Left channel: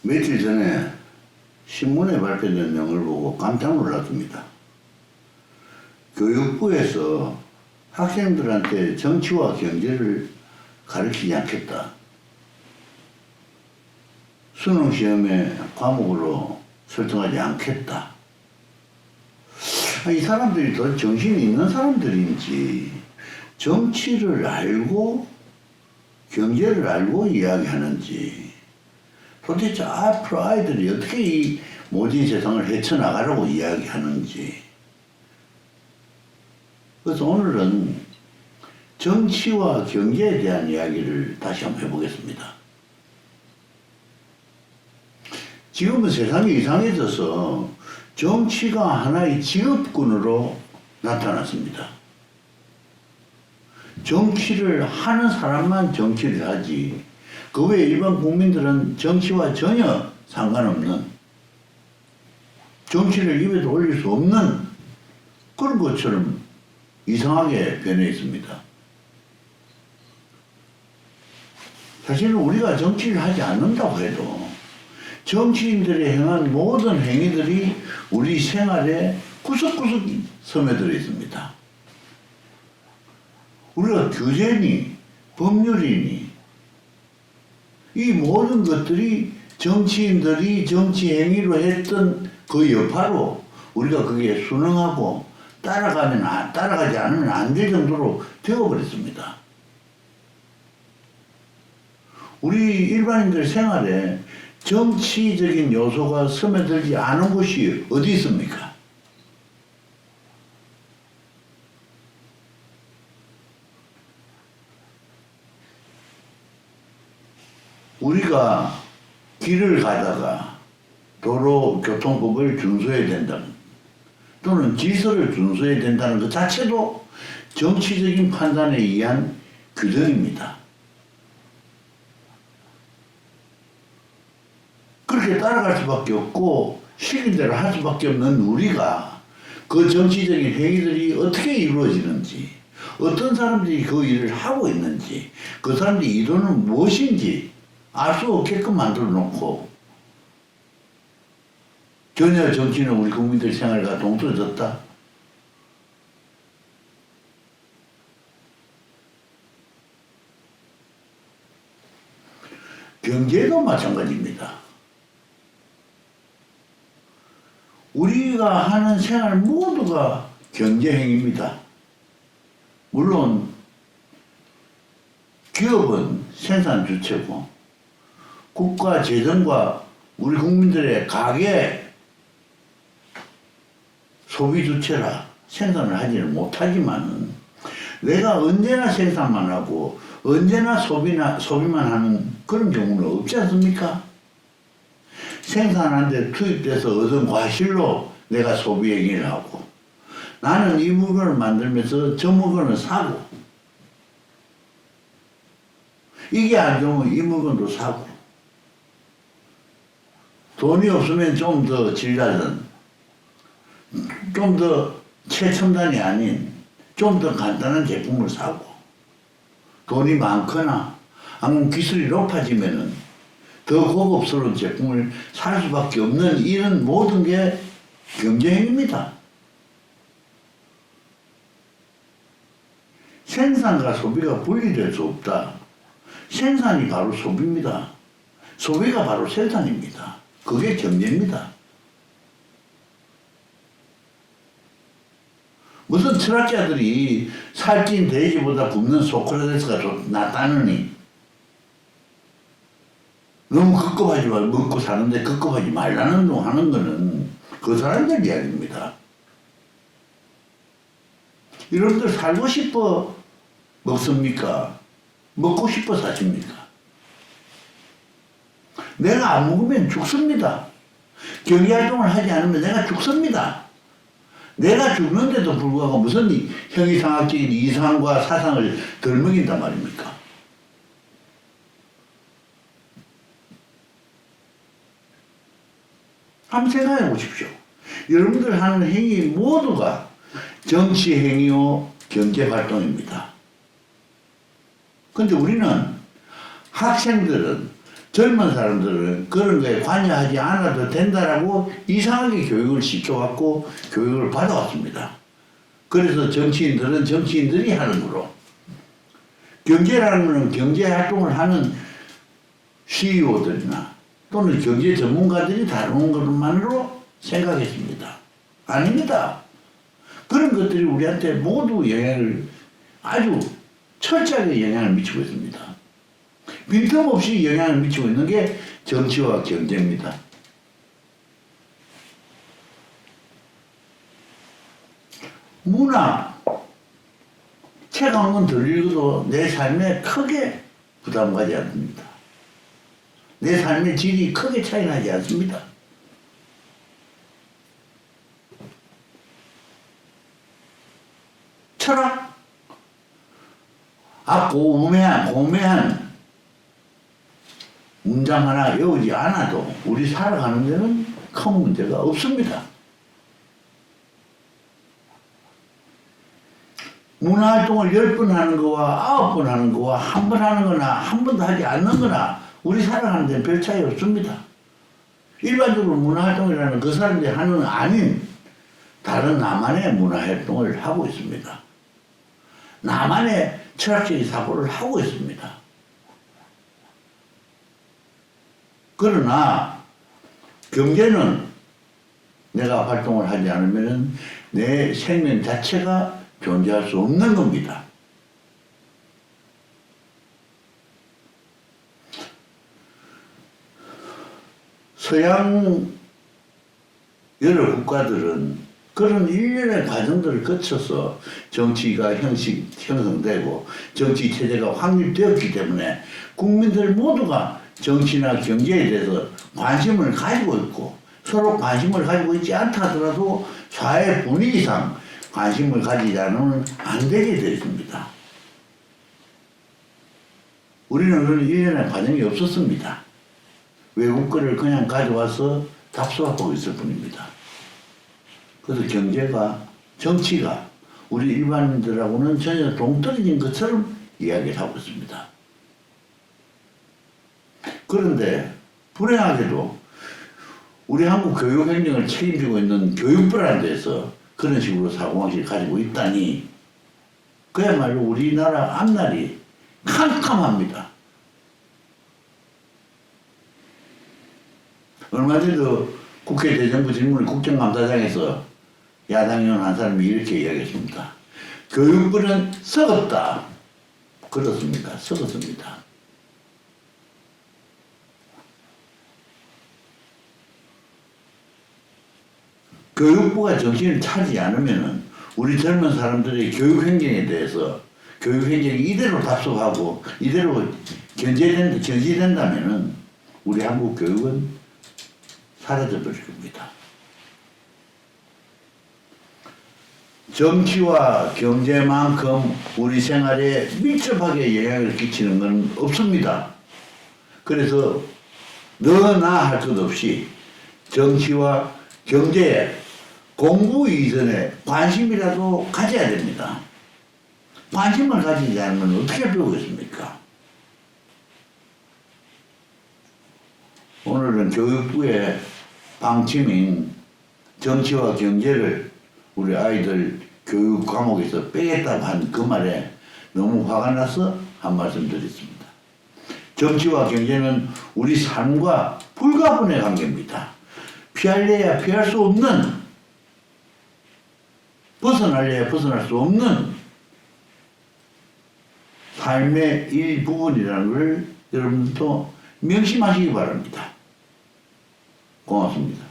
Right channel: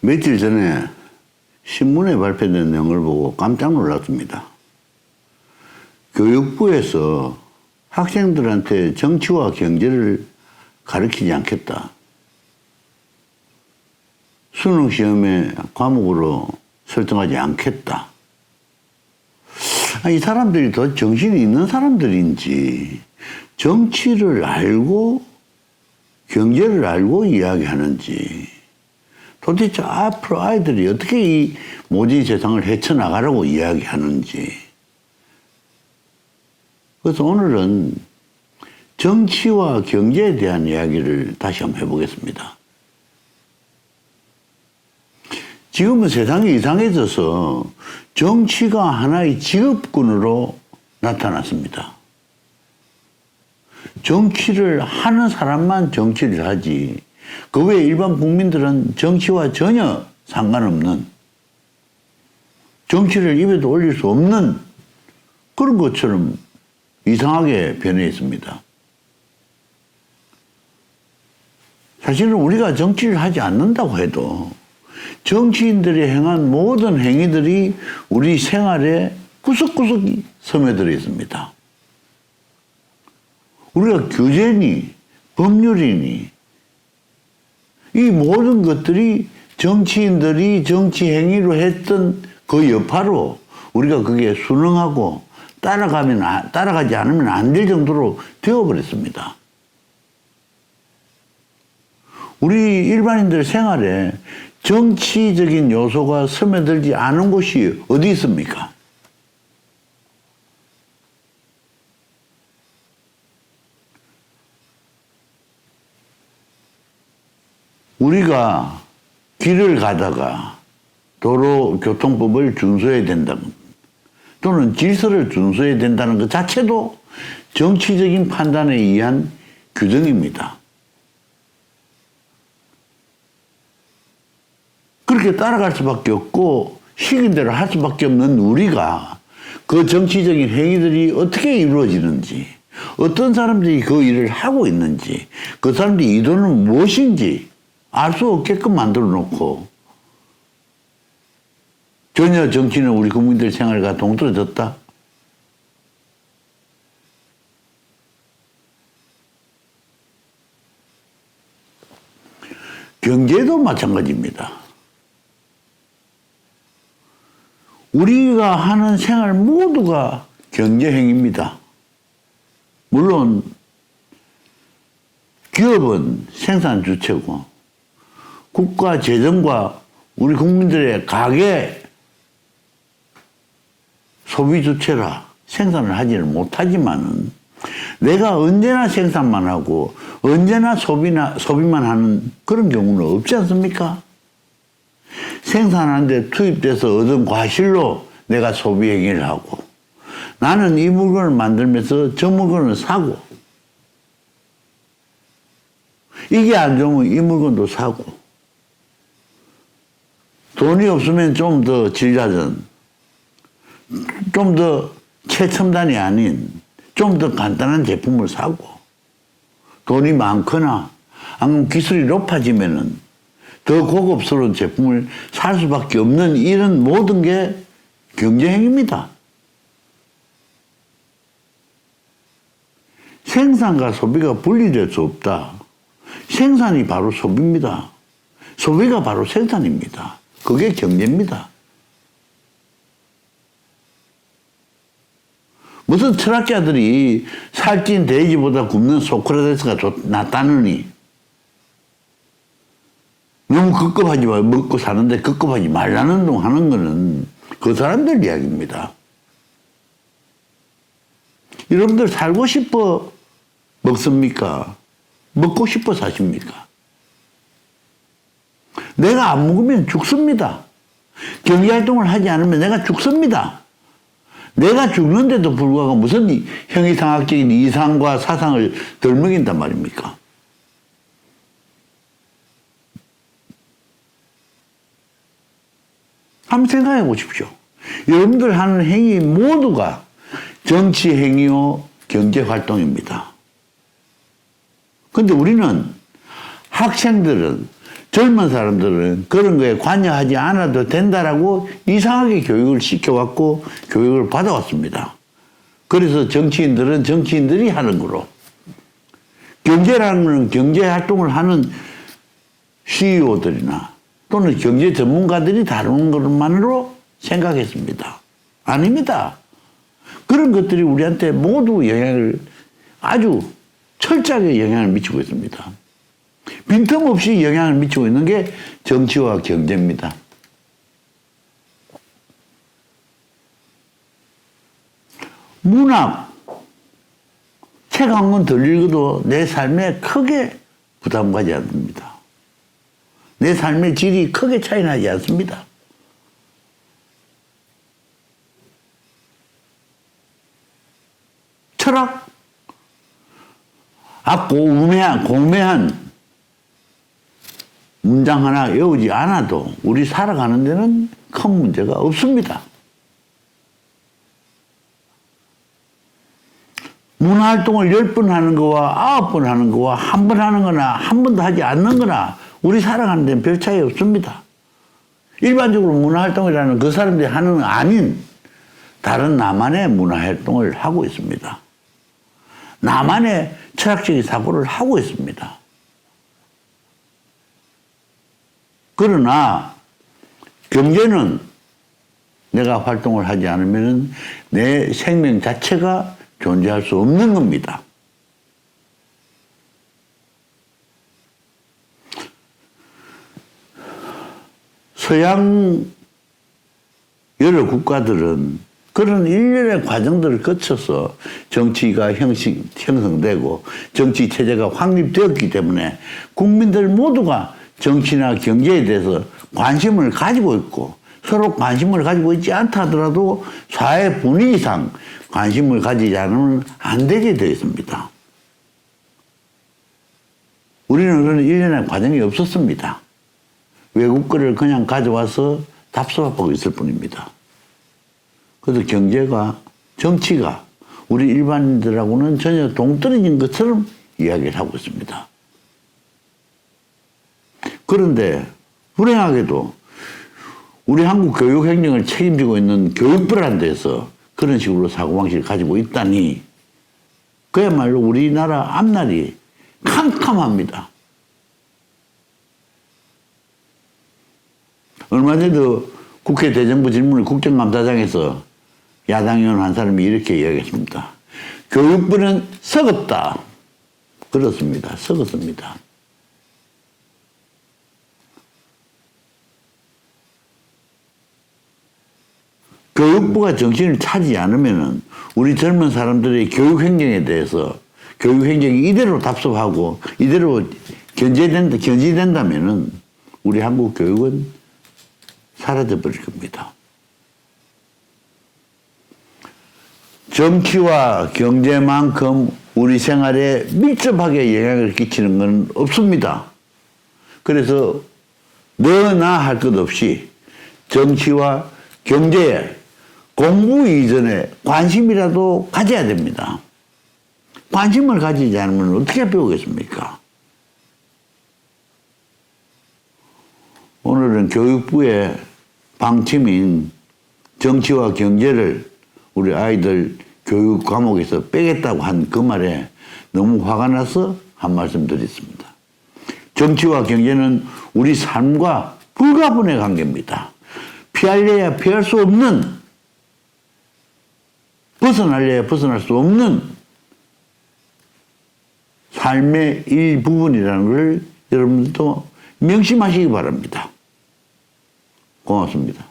며칠 전에 신문에 발표된 내용을 보고 깜짝 놀랐습니다. 교육부에서 학생들한테 정치와 경제를 가르치지 않겠다. 수능시험에 과목으로 설정하지 않겠다. 이 사람들이 더 정신이 있는 사람들인지 정치를 알고 경제를 알고 이야기하는지 도대체 앞으로 아이들이 어떻게 이 모진 세상을 헤쳐나가라고 이야기하는지. 그래서 오늘은 정치와 경제에 대한 이야기를 다시 한번 해보겠습니다. 지금은 세상이 이상해져서 정치가 하나의 직업군으로 나타났습니다. 정치를 하는 사람만 정치를 하지, 그 외에 일반 국민들은 정치와 전혀 상관없는, 정치를 입에도 올릴 수 없는 그런 것처럼 이상하게 변해 있습니다. 사실은 우리가 정치를 하지 않는다고 해도 정치인들이 행한 모든 행위들이 우리 생활에 구석구석 스며들어 있습니다. 우리가 규제니 법률이니 이 모든 것들이 정치인들이 정치 행위로 했던 그 여파로 우리가 거기에 순응하고 따라가지 않으면 안 될 정도로 되어버렸습니다. 우리 일반인들 생활에 정치적인 요소가 스며들지 않은 곳이 어디 있습니까? 우리가 길을 가다가 도로교통법을 준수해야 된다는, 또는 질서를 준수해야 된다는 것 자체도 정치적인 판단에 의한 규정입니다. 그렇게 따라갈 수밖에 없고 시킨 대로 할 수밖에 없는 우리가 그 정치적인 행위들이 어떻게 이루어지는지, 어떤 사람들이 그 일을 하고 있는지, 그 사람들의 의도는 무엇인지 알 수 없게끔 만들어 놓고 전혀 정치는 우리 국민들 생활과 동떨어졌다. 경제도 마찬가지입니다. 우리가 하는 생활 모두가 경제행위입니다. 물론 기업은 생산 주체고 국가 재정과 우리 국민들의 가계 소비 주체라 생산을 하지는 못하지만은 내가 언제나 생산만 하고 언제나 소비만 하는 그런 경우는 없지 않습니까? 생산하는데 투입돼서 얻은 과실로 내가 소비 행위를 하고, 나는 이 물건을 만들면서 저 물건을 사고, 이게 안 좋으면 이 물건도 사고, 돈이 없으면 좀 더 질낮은, 좀 더 최첨단이 아닌 좀 더 간단한 제품을 사고, 돈이 많거나 아니면 기술이 높아지면은 더 고급스러운 제품을 살 수밖에 없는 이런 모든 게 경제행위입니다. 생산과 소비가 분리될 수 없다. 생산이 바로 소비입니다. 소비가 바로 생산입니다. 그게 경제입니다. 무슨 철학자들이 살찐 돼지보다 굶는 소크라테스가 낫다느니, 너무 급급하지 마, 먹고 사는데 급급하지 말라는 둥 하는 거는 그 사람들 이야기입니다. 여러분들 살고 싶어 먹습니까? 먹고 싶어 사십니까? 내가 안 먹으면 죽습니다. 경제활동을 하지 않으면 내가 죽습니다. 내가 죽는데도 불구하고 무슨 형이상학적인 이상과 사상을 덜 먹인단 말입니까? 한번 생각해 보십시오. 여러분들 하는 행위 모두가 정치 행위요, 경제 활동입니다. 근데 우리는, 학생들은 젊은 사람들은 그런 거에 관여하지 않아도 된다라고 이상하게 교육을 시켜왔고 교육을 받아왔습니다. 그래서 정치인들은 정치인들이 하는 거로, 경제라는 것은 경제 활동을 하는 CEO들이나 또는 경제 전문가들이 다루는 것만으로 생각했습니다. 아닙니다. 그런 것들이 우리한테 모두 영향을, 아주 철저하게 영향을 미치고 있습니다. 빈틈없이 영향을 미치고 있는 게 정치와 경제입니다. 문학, 책 한 권 덜 읽어도 내 삶에 크게 부담 가지 않습니다. 내 삶의 질이 크게 차이 나지 않습니다. 철학, 공매한 문장 하나 외우지 않아도 우리 살아가는 데는 큰 문제가 없습니다. 문화활동을 10번 하는 거와 9번 하는 거와 한 번 하는 거나 한 번도 하지 않는 거나 우리 살아가는 데는 별 차이 없습니다. 일반적으로 문화활동이라는 그 사람들이 하는 건 아닌 다른 나만의 문화활동을 하고 있습니다. 나만의 철학적인 사고를 하고 있습니다. 그러나 경제는 내가 활동을 하지 않으면 내 생명 자체가 존재할 수 없는 겁니다. 서양 여러 국가들은 그런 일련의 과정들을 거쳐서 정치가 형성되고 정치 체제가 확립되었기 때문에 국민들 모두가 정치나 경제에 대해서 관심을 가지고 있고, 서로 관심을 가지고 있지 않다 하더라도 사회 분위기상 관심을 가지지 않으면 안 되게 되어 있습니다. 우리는 그런 일련의 과정이 없었습니다. 외국 거를 그냥 가져와서 답습하고 있을 뿐입니다. 그래서 경제가, 정치가 우리 일반인들하고는 전혀 동떨어진 것처럼 이야기를 하고 있습니다. 그런데 불행하게도 우리 한국 교육행정을 책임지고 있는 교육부라는 데서 그런 식으로 사고방식을 가지고 있다니 그야말로 우리나라 앞날이 캄캄합니다. 얼마 전에도 국회 대정부 질문을 국정감사장에서 야당 의원 한 사람이 이렇게 이야기했습니다. 교육부는 썩었다. 그렇습니다. 썩었습니다. 교육부가 정신을 차리지 않으면 우리 젊은 사람들의 교육 행정에 대해서 교육 행정이 이대로 답습하고 이대로 견제된다면 우리 한국 교육은 사라져 버릴 겁니다. 정치와 경제만큼 우리 생활에 밀접하게 영향을 끼치는 건 없습니다. 그래서 너나 할 것 없이 정치와 경제에 공부 이전에 관심이라도 가져야 됩니다. 관심을 가지지 않으면 어떻게 배우겠습니까? 오늘은 교육부의 방침인 정치와 경제를 우리 아이들 교육 과목에서 빼겠다고 한 그 말에 너무 화가 나서 한 말씀 드렸습니다. 정치와 경제는 우리 삶과 불가분의 관계입니다. 피할래야 피할 수 없는, 벗어날래야 벗어날 수 없는 삶의 일부분이라는 걸 여러분들도 명심하시기 바랍니다. 고맙습니다.